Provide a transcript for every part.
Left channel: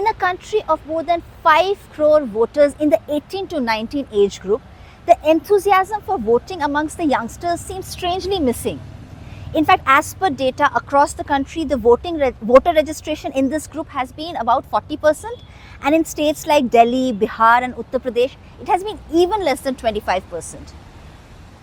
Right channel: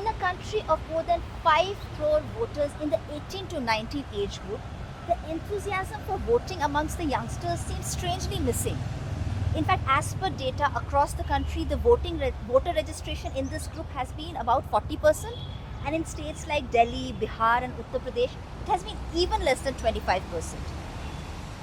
In a country of more than 5 crore voters in the 18 to 19 age group, the enthusiasm for voting amongst the youngsters seems strangely missing. In fact, as per data across the country, the voter registration in this group has been about 40%, and in states like Delhi, Bihar and Uttar Pradesh, it has been even less than 25%.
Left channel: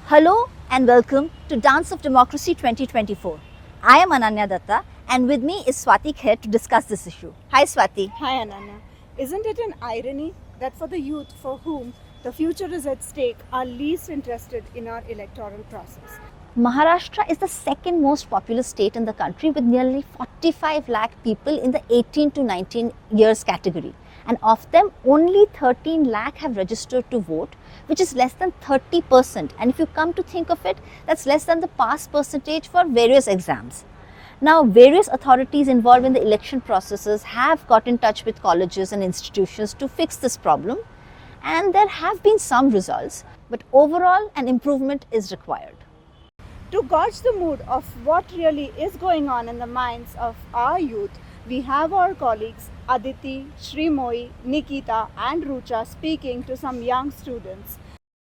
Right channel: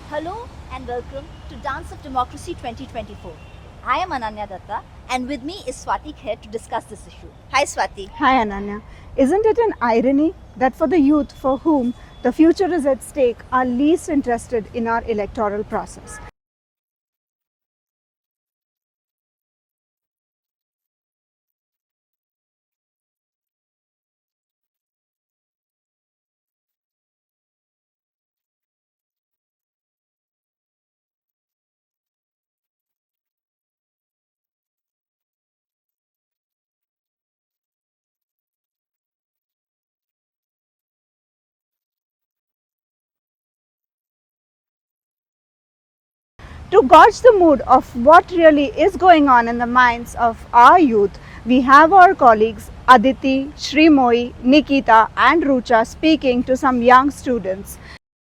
Hello and welcome to Dance of Democracy 2024. I am Ananya Datta, and with me is Swati here to discuss this issue. Hi Swati. Hi Ananya. Isn't it an irony that for the youth for whom the future is at stake are least interested in our electoral process? Maharashtra is the second most populous state in the country with nearly 45 lakh people in the 18 to 19 years category. And of them, only 13 lakh have registered to vote, which is less than 30%. And if you come to think of it, that's less than the pass percentage for various exams. Now, various authorities involved in the election processes have got in touch with colleges and institutions to fix this problem. And there have been some results, but overall an improvement is required. To gauge the mood of what really is going on in the minds of our youth, we have our colleagues Aditi, Shrimoyi, Nikita and Rucha speaking to some young students.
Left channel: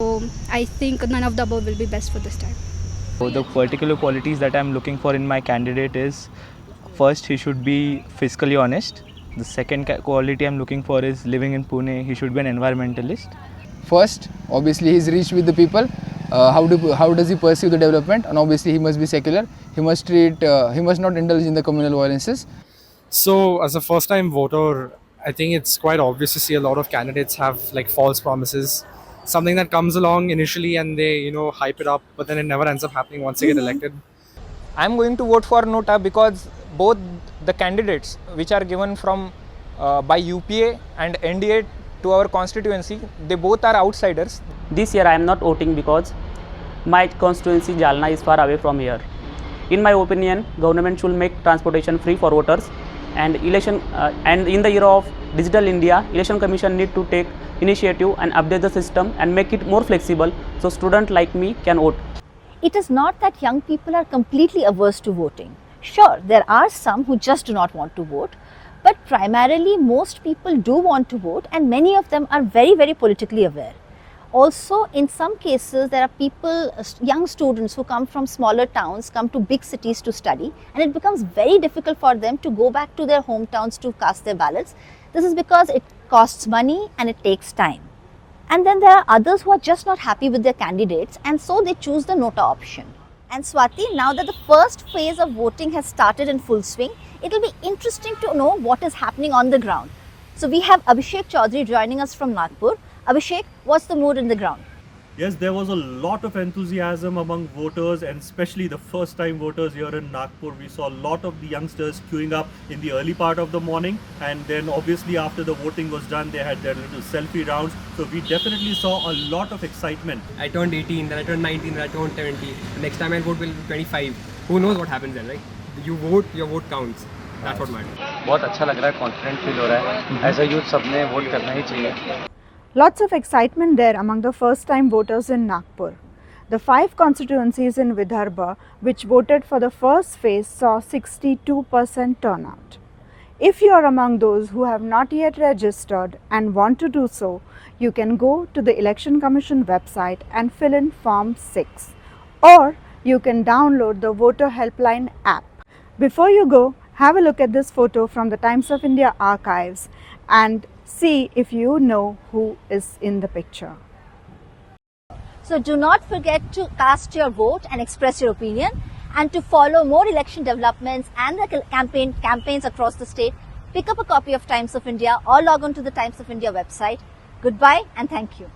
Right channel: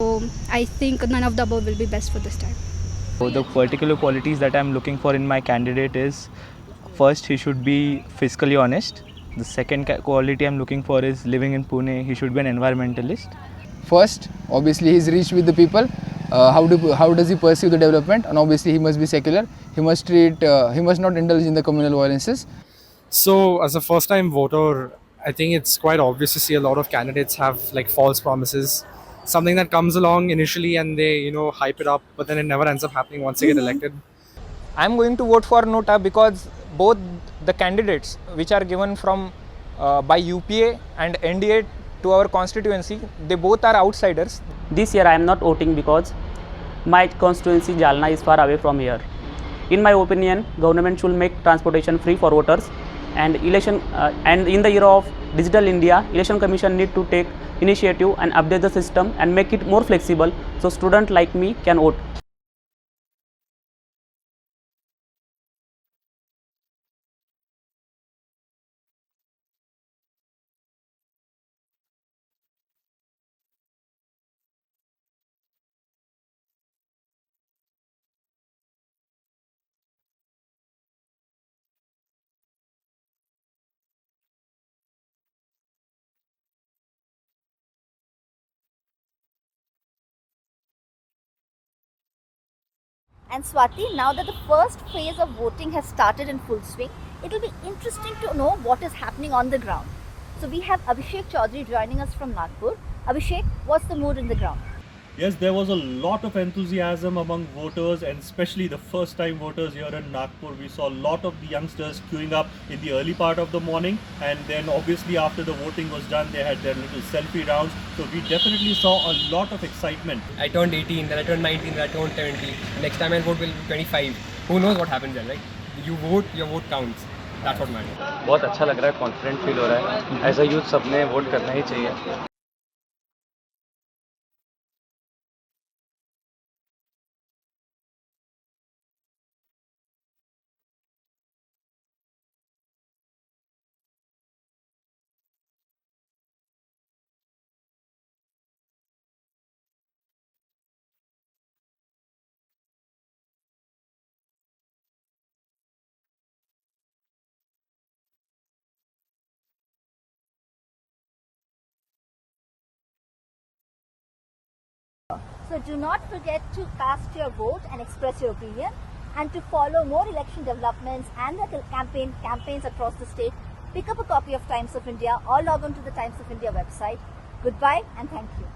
So I think none of the above will be best for this time. So the particular qualities that I'm looking for in my candidate is, first, he should be fiscally honest. The second quality I'm looking for is living in Pune. He should be an environmentalist. First, obviously, he's reached with the people. How does he perceive the development? And obviously, he must be secular. He must not indulge in the communal violences. So, as a first-time voter, I think it's quite obvious to see a lot of candidates have like false promises. Something that comes along initially and they, hype it up, but then it never ends up happening once they get elected. I'm going to vote for Nota because both the candidates which are given from by UPA and NDA to our constituency, they both are outsiders. This year I am not voting because my constituency Jalna is far away from here. In my opinion, government should make transportation free for voters, and and in the era of digital India, election commission need to take initiative and update the system and make it more flexible so students like me can vote. It is not that young people are completely averse to voting. Sure, there are some who just do not want to vote, but primarily most people do want to vote, and many of them are very, very politically aware. Also, in some cases, there are people, young students who come from smaller towns, come to big cities to study, and it becomes very difficult for them to go back to their hometowns to cast their ballots. This is because it costs money and it takes time. And then there are others who are just not happy with their candidates, and so they choose the Nota option. And Swati, now that the first phase of voting has started in full swing, it will be interesting to know what is happening on the ground. So we have Abhishek Chaudhary joining us from Nagpur. Abhishek, what's the mood in the ground? Yes, there was a lot of enthusiasm among voters, and especially the first-time voters here in Nagpur. We saw a lot of the youngsters queuing up in the early part of the morning, and then obviously after the voting was done, they had their little selfie rounds. So we definitely saw a lot of excitement. I turned 18, then I turned 19, then I turned 20. The next time I'll vote will be 25. Who knows what happens then, right? You vote, your vote counts. That's what matters. बहुत अच्छा लग रहा है, confident feel हो रहा है. As a youth, सबने vote करना ही चाहिए. Lots of excitement there among the first-time voters in Nagpur. The 5 constituencies in Vidarbha which voted for the first phase saw 62% turnout. If you are among those who have not yet registered and want to do so, you can go to the Election Commission website and fill in Form 6, or you can download the Voter Helpline app. Before you go, have a look at this photo from the Times of India archives and see if you know who is in the picture. So do not forget to cast your vote and express your opinion, and to follow more election developments and the campaigns across the state, pick up a copy of Times of India or log on to the Times of India website. Goodbye and thank you.